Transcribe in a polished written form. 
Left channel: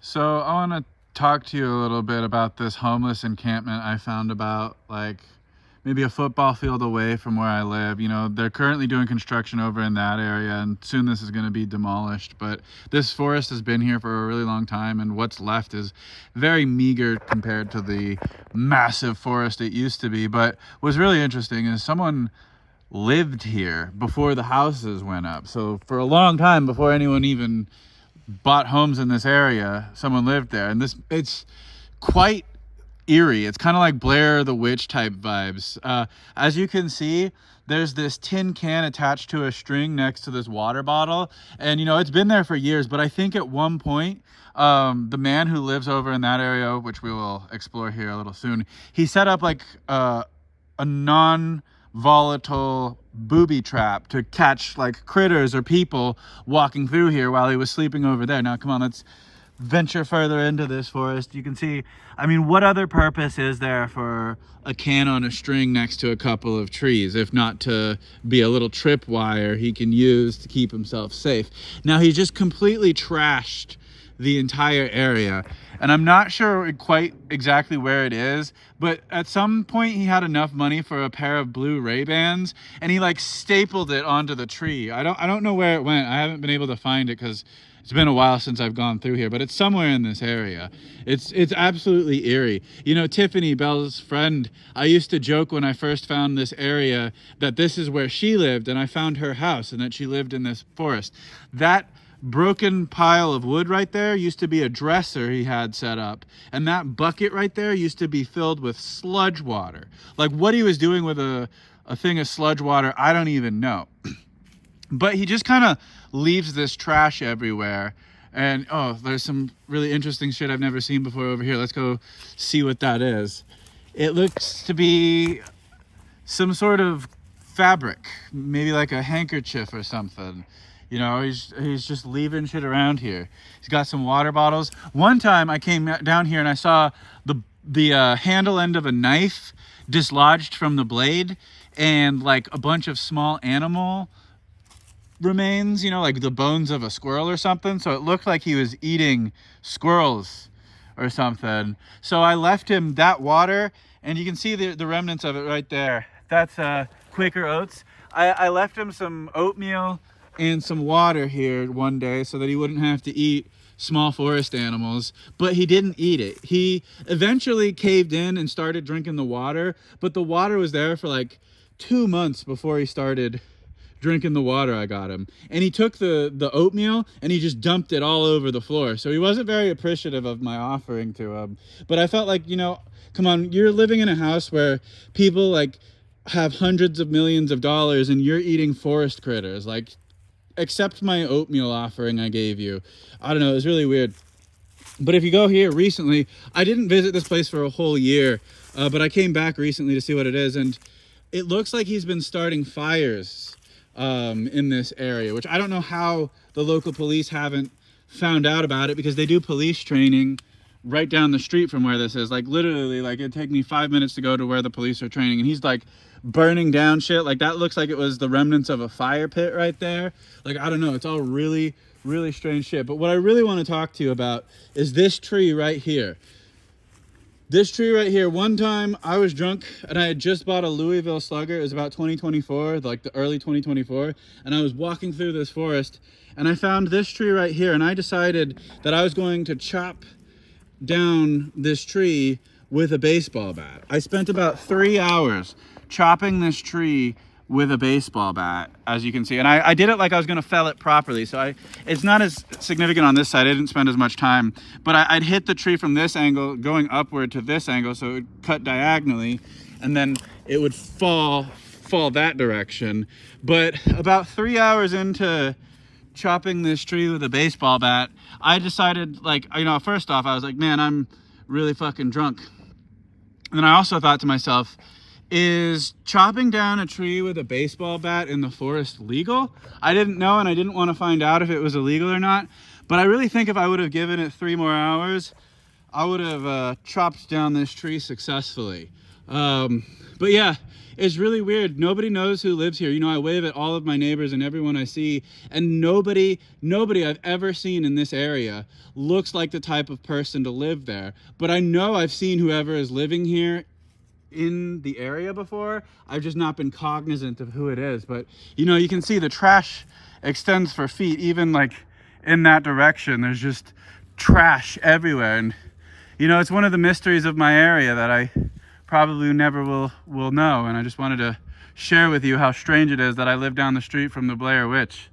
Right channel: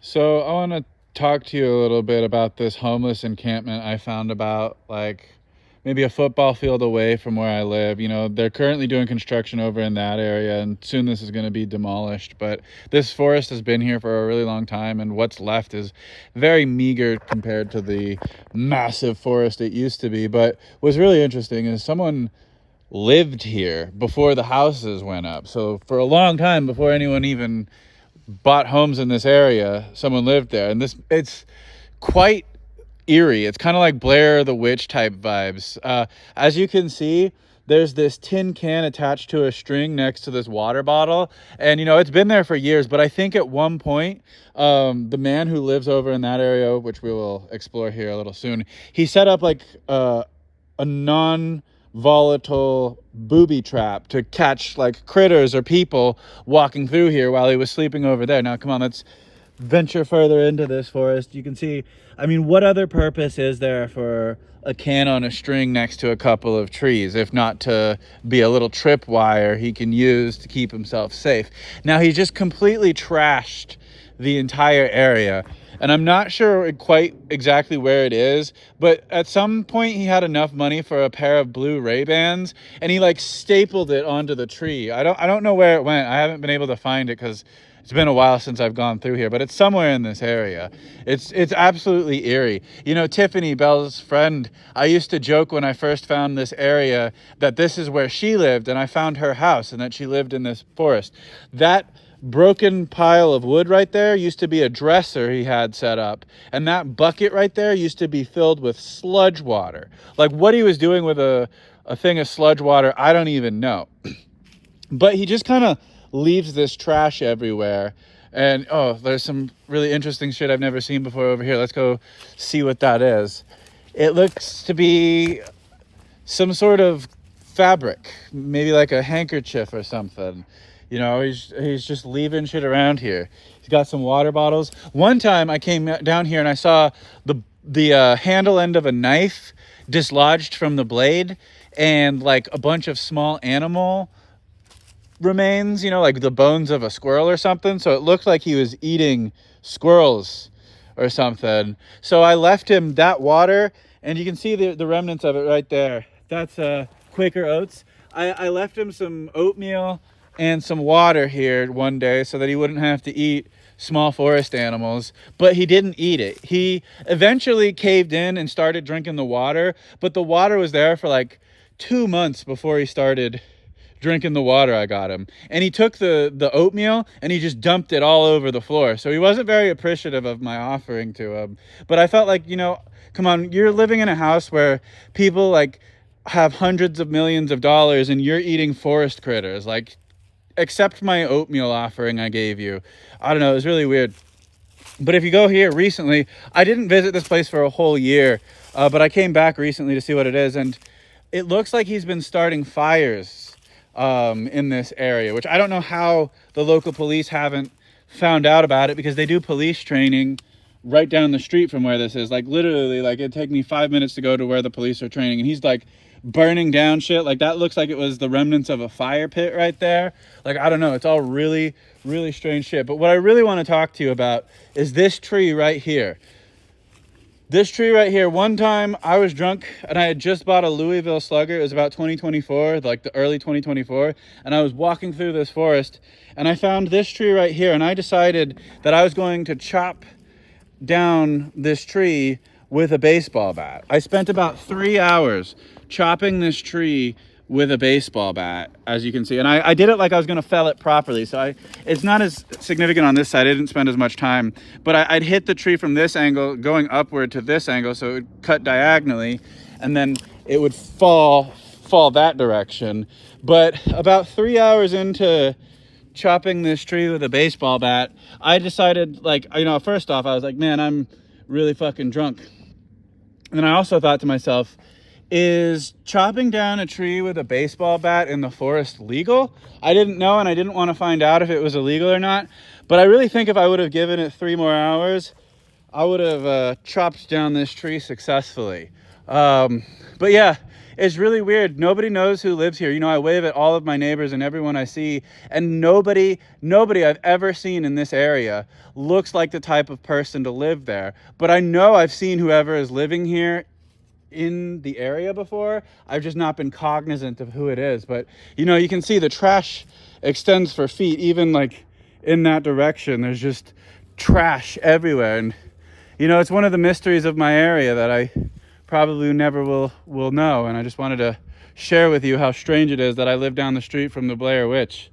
So I want to talk to you a little bit about this homeless encampment I found about maybe a football field away from where I live. You know, they're currently doing construction over in that area and soon this is going to be demolished. But this forest has been here for a really long time and what's left is very meager compared to the massive forest it used to be. But what's really interesting is someone lived here before the houses went up. So for a long time, before anyone even bought homes in this area, someone lived there. And it's quite eerie. It's kind of like Blair the Witch type vibes. As you can see, there's this tin can attached to a string next to this water bottle, and you know it's been there for years. But I think at one point the man who lives over in that area, which we will explore here a little soon, he set up like a non volatile booby trap to catch like critters or people walking through here while he was sleeping over there. Now come on, let's venture further into this forest. You can see, I mean, what other purpose is there for a can on a string next to a couple of trees if not to be a little tripwire he can use to keep himself safe? Now he just completely trashed the entire area, and I'm not sure quite exactly where it is, but at some point he had enough money for a pair of blue Ray-Bans and he like stapled it onto the tree. I don't know where it went. I haven't been able to find it because it's been a while since I've gone through here, but it's somewhere in this area. It's absolutely eerie. You know, Tiffany, Belle's friend, I used to joke when I first found this area that this is where she lived and I found her house and that she lived in this forest. That broken pile of wood right there used to be a dresser he had set up, and that bucket right there used to be filled with sludge water. Like what he was doing with a thing of sludge water, I don't even know. But he just kind of leaves this trash everywhere. And oh, there's some really interesting shit I've never seen before over here. Let's go see what that is. It looks to be some sort of fabric, maybe like a handkerchief or something. You know, he's just leaving shit around here. He's got some water bottles. One time I came down here and I saw the handle end of a knife dislodged from the blade, and like a bunch of small animal remains, you know, like the bones of a squirrel or something. So it looked like he was eating squirrels or something. So I left him that water, and you can see the remnants of it right there. That's Quaker Oats. I left him some oatmeal and some water here one day so that he wouldn't have to eat small forest animals, but he didn't eat it. He eventually caved in and started drinking the water, but the water was there for like 2 months before he started drinking the water I got him. And he took the oatmeal and he just dumped it all over the floor. So he wasn't very appreciative of my offering to him. But I felt like, you know, come on, you're living in a house where people like have hundreds of millions of dollars and you're eating forest critters. Like, accept my oatmeal offering I gave you. I don't know, it was really weird. But if you go here recently, I didn't visit this place for a whole year, but I came back recently to see what it is, and it looks like he's been starting fires in this area, which I don't know how the local police haven't found out about it, because they do police training right down the street from where this is. Like literally, like it'd take me 5 minutes to go to where the police are training, and he's like burning down shit. Like that looks like it was the remnants of a fire pit right there. Like, I don't know, it's all really strange shit. But what I really want to talk to you about is this tree right here. This tree right here. One time I was drunk and I had just bought a Louisville slugger. It was about 2024, like the early 2024, and I was walking through this forest and I found this tree right here, and I decided that I was going to chop down this tree with a baseball bat. I spent about 3 hours chopping this tree with a baseball bat, as you can see, and I did it like I was going to fell it properly. So it's not as significant on this side. I didn't spend as much time, but I'd hit the tree from this angle going upward to this angle, so it would cut diagonally and then it would fall that direction. But about 3 hours into chopping this tree with a baseball bat, I decided, like, you know, first off I was like, man, I'm really fucking drunk. And then I also thought to myself, is chopping down a tree with a baseball bat in the forest legal? I didn't know, and I didn't want to find out if it was illegal or not. But I really think if I would have given it 3 more hours, I would have chopped down this tree successfully. But yeah, It's really weird. Nobody knows who lives here. You know, I wave at all of my neighbors and everyone I see, and nobody I've ever seen in this area looks like the type of person to live there. But I know I've seen whoever is living here in the area before. I've just not been cognizant of who it is. But you know, you can see the trash extends for feet, even like in that direction. There's just trash everywhere. And you know, it's one of the mysteries of my area that I probably never will know. And I just wanted to share with you how strange it is that I live down the street from the Blair Witch.